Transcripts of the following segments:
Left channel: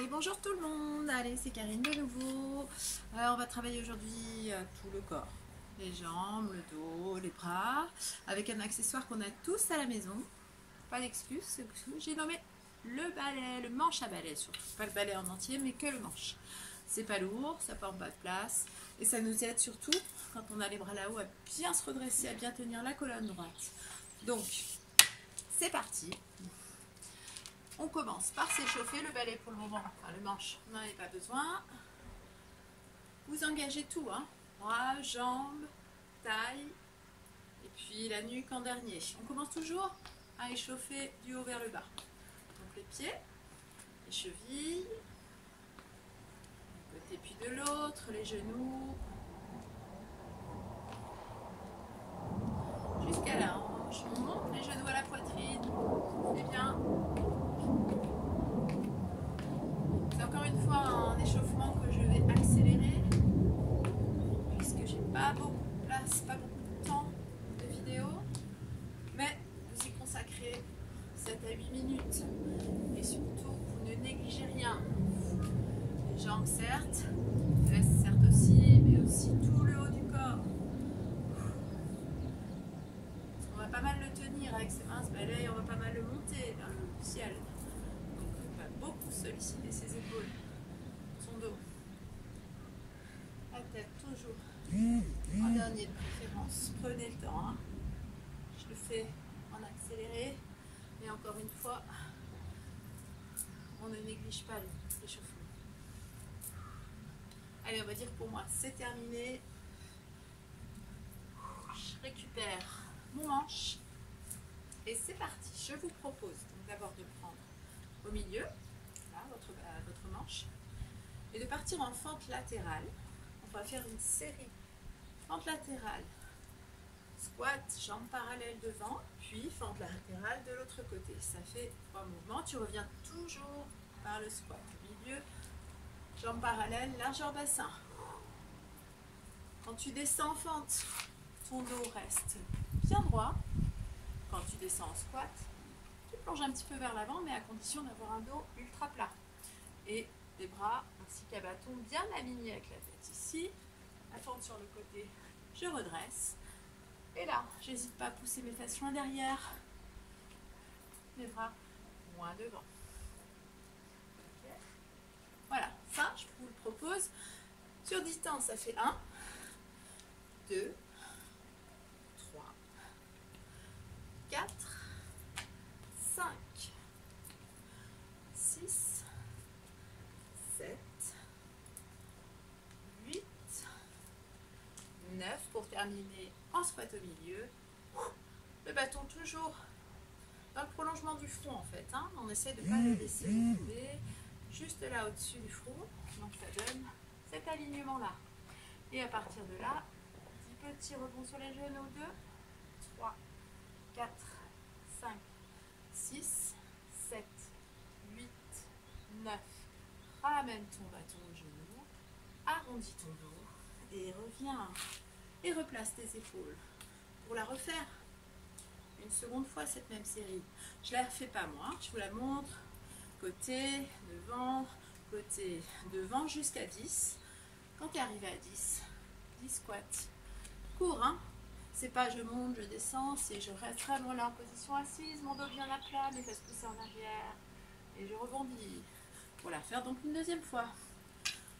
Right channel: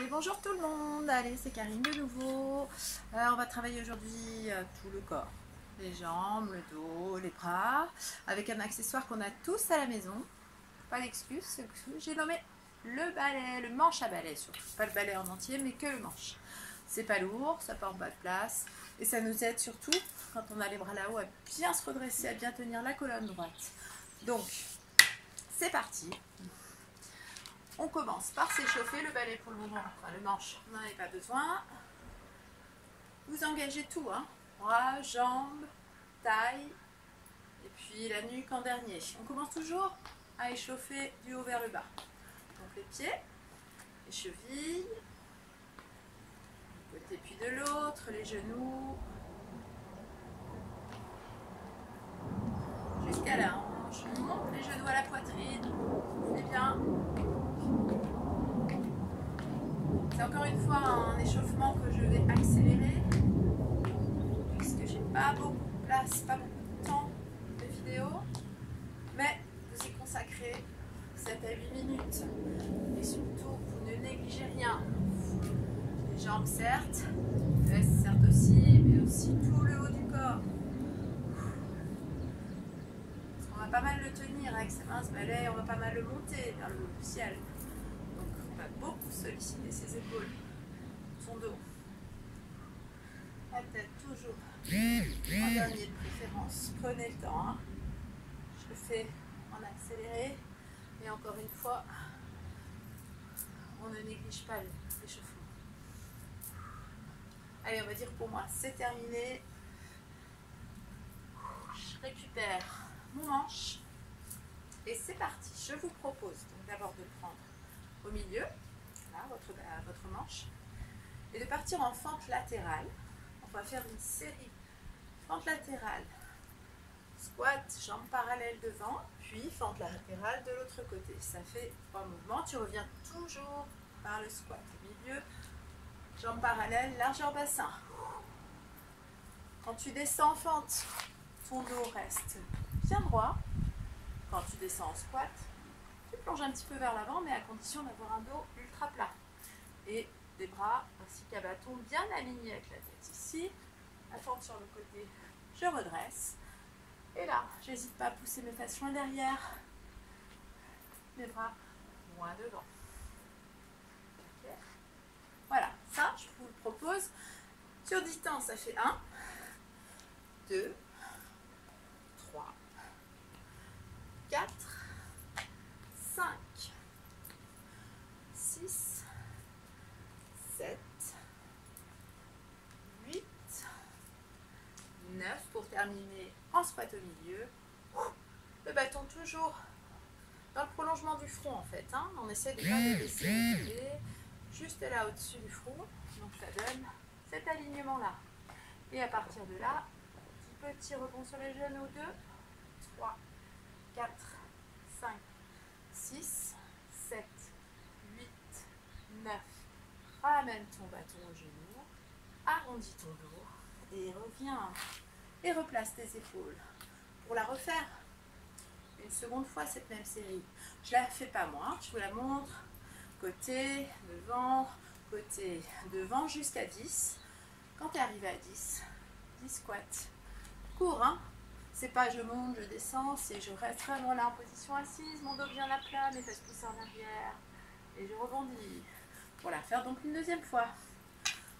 Et bonjour tout le monde, allez c'est Karine de nouveau. On va travailler aujourd'hui tout le corps, les jambes, le dos, les bras, avec un accessoire qu'on a tous à la maison. Pas d'excuse, j'ai nommé le balai, le manche à balai surtout, pas le balai en entier mais que le manche. C'est pas lourd, ça prend pas de place et ça nous aide surtout quand on a les bras là-haut à bien se redresser, à bien tenir la colonne droite. Donc c'est parti. On commence par s'échauffer. Le balai pour le moment, enfin le manche, on n'en avait pas besoin. Vous engagez tout, hein, bras, jambes, taille et puis la nuque en dernier. On commence toujours à échauffer du haut vers le bas. Donc les pieds, les chevilles, d'un côté puis de l'autre, les genoux, jusqu'à la hanche. On monte les genoux à la poitrine, c'est bien. C'est encore une fois un échauffement que je vais accélérer puisque j'ai pas beaucoup de place, pas beaucoup de temps de vidéo, mais vous y consacrez 7 à 8 minutes et surtout vous ne négligez rien. Les jambes certes, les fesses certes aussi, mais aussi tout le haut du corps. On va pas mal le tenir avec ces minces balais, on va pas mal le monter vers le ciel. Donc on va beaucoup solliciter ses épaules, son dos. La tête toujours en dernier de préférence. Prenez le temps. Hein. Je le fais en accéléré. Et encore une fois, on ne néglige pas l'échauffement. Allez, on va dire pour moi, c'est terminé. Je récupère mon manche. Et c'est parti. Je vous propose donc d'abord de prendre au milieu, là, votre manche, et de partir en fente latérale. On va faire une série fente latérale, squat, jambes parallèles devant, puis fente latérale de l'autre côté. Ça fait 3 mouvements. Tu reviens toujours par le squat. Au milieu, jambes parallèles, largeur bassin. Quand tu descends en fente, ton dos reste bien droit. Quand tu descends en squat, tu plonges un petit peu vers l'avant, mais à condition d'avoir un dos ultra plat. Et des bras ainsi qu'un bâton bien alignés avec la tête. Ici, la fente sur le côté, je redresse. Et là, j'hésite pas à pousser mes fesses loin derrière, mes bras loin devant. Okay. Voilà, ça, je vous le propose. Sur distance, ça fait 1, 2, 3, 4, 5, 6, 7, 8, 9 pour terminer en squat au milieu. Le bâton toujours dans le prolongement du front en fait. Hein. On essaie de ne pas le laisser tomber juste là au-dessus du front. Donc ça donne cet alignement là. Et à partir de là, 10 petits rebonds sur les genoux. 2, 3, 4, 5, 6, 7, 8, 9. Ramène ton bâton au genou, arrondis ton dos et reviens. Et replace tes épaules. Pour la refaire une seconde fois cette même série. Je ne la fais pas moi, je vous la montre. Côté, devant jusqu'à 10. Quand tu es arrivé à 10 squats. Cours, hein. C'est pas je monte, je descends, c'est je reste vraiment là en position assise, mon dos bien à plat, mes fesses poussées en arrière. Et je rebondis. Pour la faire donc une deuxième fois.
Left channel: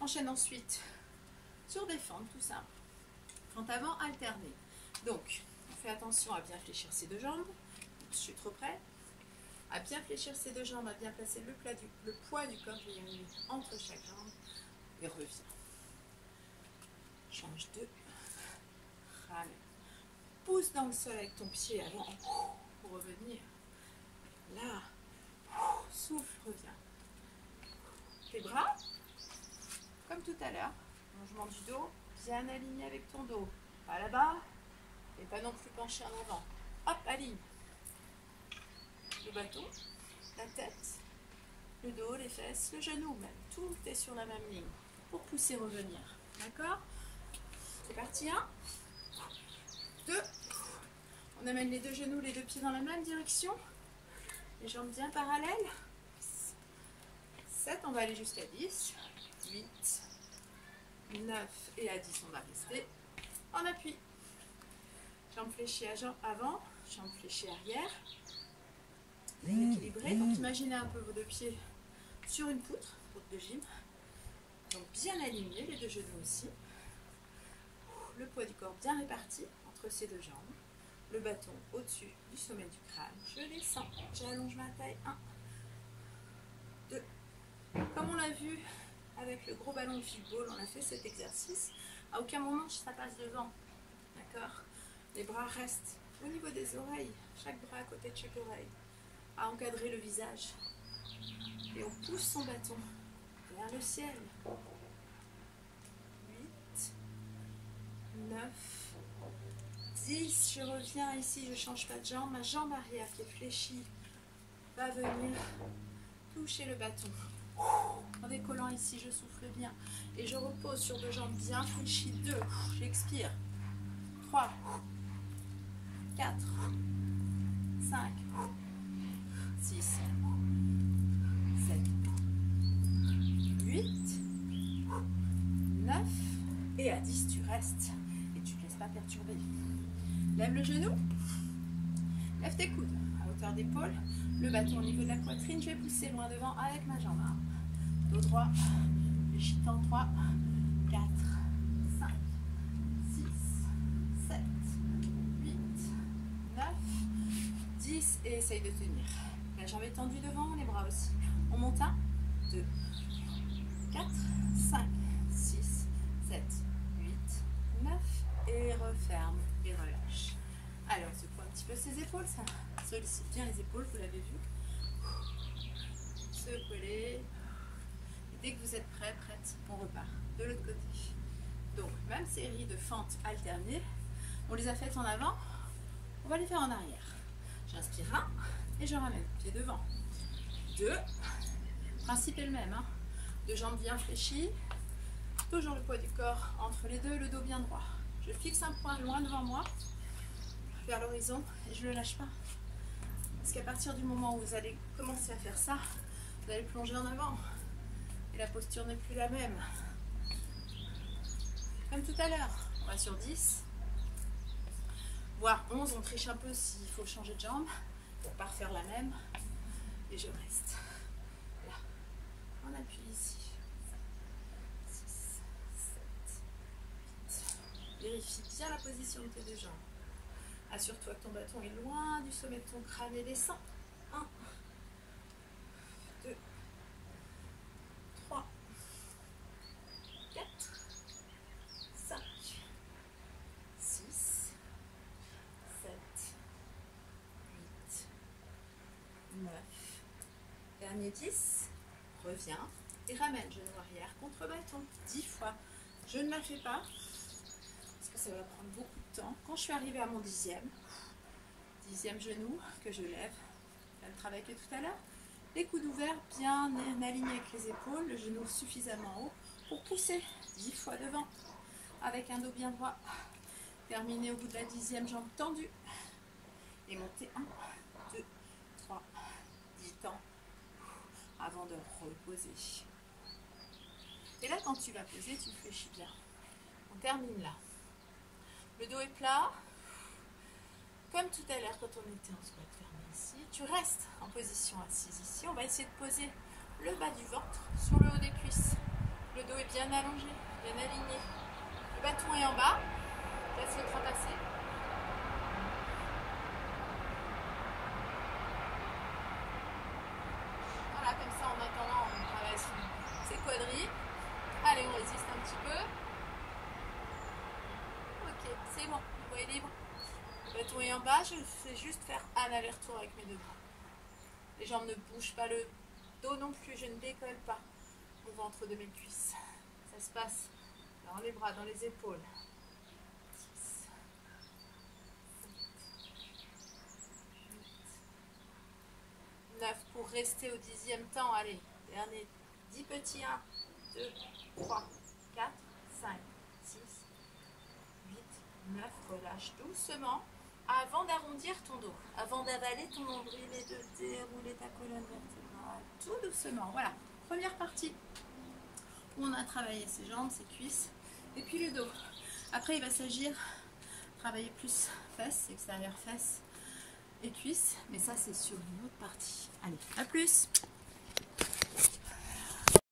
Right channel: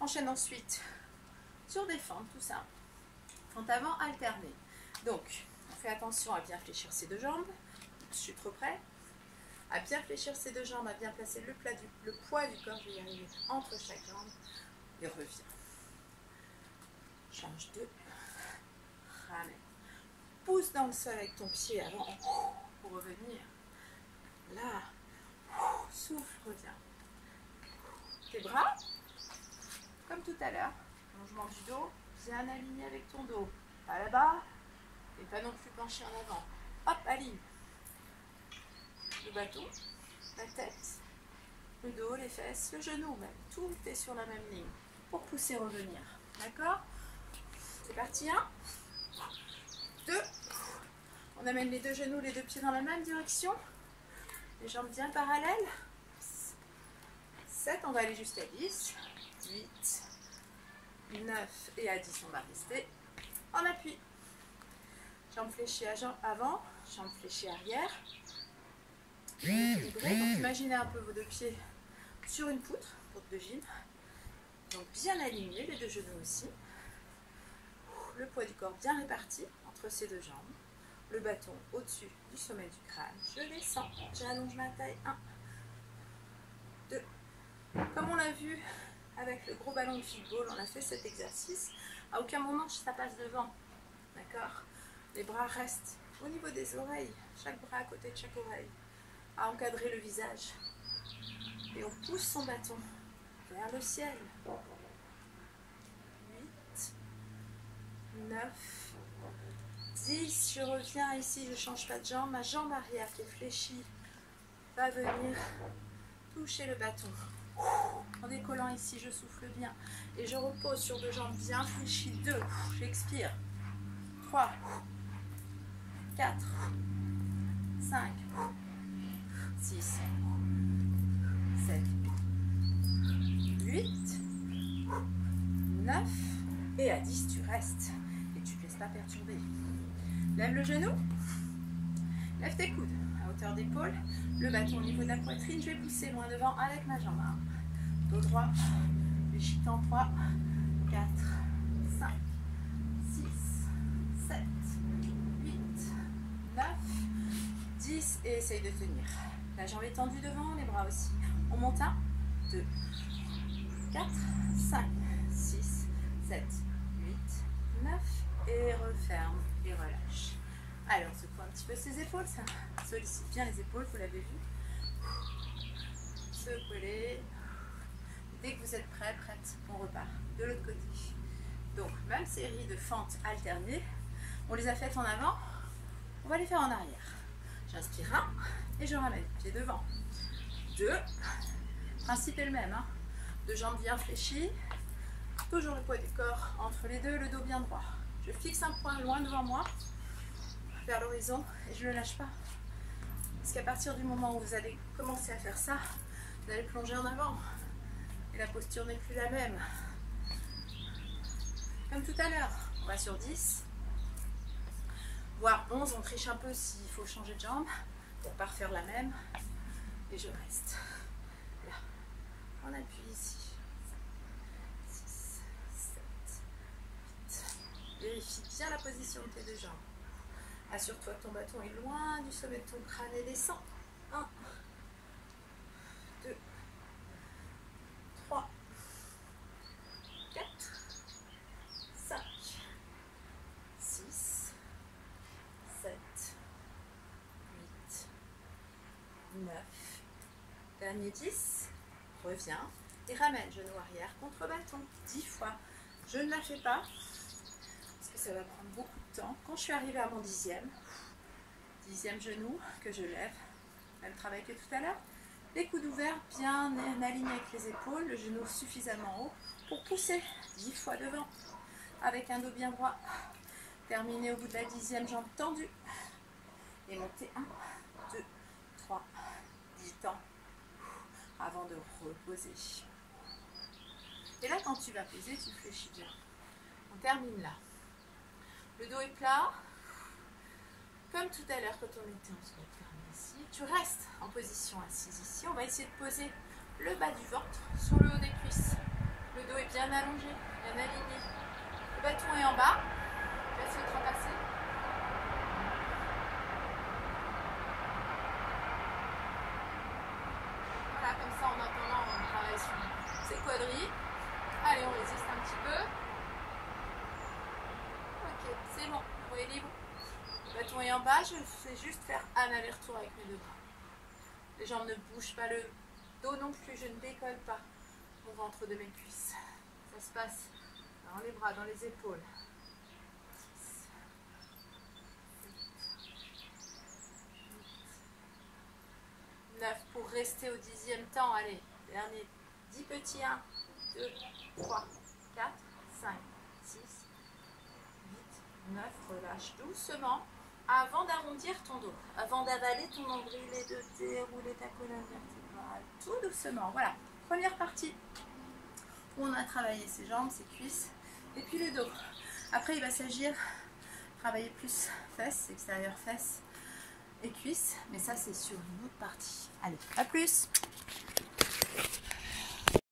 Enchaîne ensuite sur des fentes, tout simple. Fente avant alternée. Donc, on fait attention à bien fléchir ses deux jambes. Je suis trop près. À bien fléchir ses deux jambes, à bien placer le poids du corps, je vais y arriver, entre chaque jambe. Et reviens. Change de. Ramène. Pousse dans le sol avec ton pied avant pour revenir. Là. Souffle, reviens. Tes bras, comme tout à l'heure, allongement du dos, bien aligné avec ton dos. Pas là-bas, et pas non plus penché en avant. Hop, aligne. Le bâton, la tête, le dos, les fesses, le genou même. Tout est sur la même ligne pour pousser, revenir. D'accord? C'est parti, 1, 2. On amène les deux genoux, les deux pieds dans la même direction. Les jambes bien parallèles. 7, on va aller jusqu'à 10, 8, 9 et à 10 on va rester en appui. Jambes fléchies avant, jambes fléchies arrière. Équilibré. Donc imaginez un peu vos deux pieds sur une poutre de gym. Donc bien alignés, les deux genoux aussi. Le poids du corps bien réparti entre ces deux jambes. Le bâton au-dessus du sommet du crâne. Je descends, j'allonge ma taille. 1, 2. Comme on l'a vu avec le gros ballon de football, on a fait cet exercice. À aucun moment ça passe devant. D'accord? Les bras restent au niveau des oreilles. Chaque bras à côté de chaque oreille. À encadrer le visage. Et on pousse son bâton vers le ciel. 8, 9, 10. Je reviens ici, je ne change pas de jambe. Ma jambe arrière qui est fléchie va venir toucher le bâton. En décollant ici, je souffle bien. Et je repose sur deux jambes bien fléchies. 2, j'expire. 3, 4, 5, 6, 7, 8, 9 et à 10 tu restes et tu ne te laisses pas perturber. Lève le genou, lève tes coudes à hauteur d'épaule, le bâton au niveau de la poitrine, je vais pousser loin devant avec ma jambe. Dos droit, fléchitant 3, 4, 5, 6, 7, 8, 9, 10 et essaye de tenir. La jambe est tendue devant, les bras aussi. On monte 1, 2, 4, 5, 6, 7, 8, 9 et referme et relâche. Allez, on secoue un petit peu ses épaules, ça sollicite bien les épaules, vous l'avez vu. Secouez-les. Dès que vous êtes prêt, prête, on repart de l'autre côté. Donc, même série de fentes alternées, on les a faites en avant, on va les faire en arrière. J'inspire 1 et je ramène le pied devant. 2, principe est le même, deux jambes bien fléchies, toujours le poids du corps entre les deux, le dos bien droit. Je fixe un point loin devant moi, vers l'horizon, et je ne le lâche pas. Parce qu'à partir du moment où vous allez commencer à faire ça, vous allez plonger en avant. Et la posture n'est plus la même. Comme tout à l'heure, on va sur 10, voire 11, on triche un peu s'il faut changer de jambe pour ne pas refaire la même. Et je reste. Là, on appuie ici. 6, 7, 8. Vérifie bien la position de tes deux jambes. Assure-toi que ton bâton est loin du sommet de ton crâne et descend. 1, 2, 3, 4, 5, 6, 7, 8, 9. Dernier 10. Reviens et ramène genou arrière contre bâton. 10 fois. Je ne la fais pas parce que ça va prendre beaucoup de temps. Quand je suis arrivée à mon 10e genou que je lève, même travail que tout à l'heure, les coudes ouverts bien alignés avec les épaules, le genou suffisamment haut pour pousser 10 fois devant avec un dos bien droit. Terminer au bout de la 10e jambe tendue et monter 1, 2, 3, 10 temps avant de reposer. Et là, quand tu vas poser, tu fléchis bien. On termine là. Le dos est plat. Comme tout à l'heure quand on était en squat fermé ici. Tu restes en position assise ici. On va essayer de poser le bas du ventre sur le haut des cuisses. Le dos est bien allongé, bien aligné. Le bâton est en bas. Laisse le train passer. Voilà, comme ça en attendant, on travaille sur ces quadrilles. Allez, on résiste un petit peu. Ok, c'est bon, la voie est libre. Le bâton est en bas, je fais juste faire un aller-retour avec mes deux bras. Les jambes ne bougent pas, le dos non plus, je ne décolle pas mon ventre de mes cuisses. Ça se passe dans les bras, dans les épaules. 9 pour rester au 10e temps. Allez, dernier 10 petits. 1, 2, 3, 4, 5, 6, 8, 9. Relâche doucement avant d'arrondir ton dos, avant d'avaler ton nombril et de dérouler ta colonne vertébrale. Tout doucement. Voilà. première partie où on a travaillé ses jambes, ses cuisses et puis le dos. Après il va s'agir travailler plus fesses, extérieur fesses et cuisses, mais ça c'est sur une autre partie. Allez, à plus!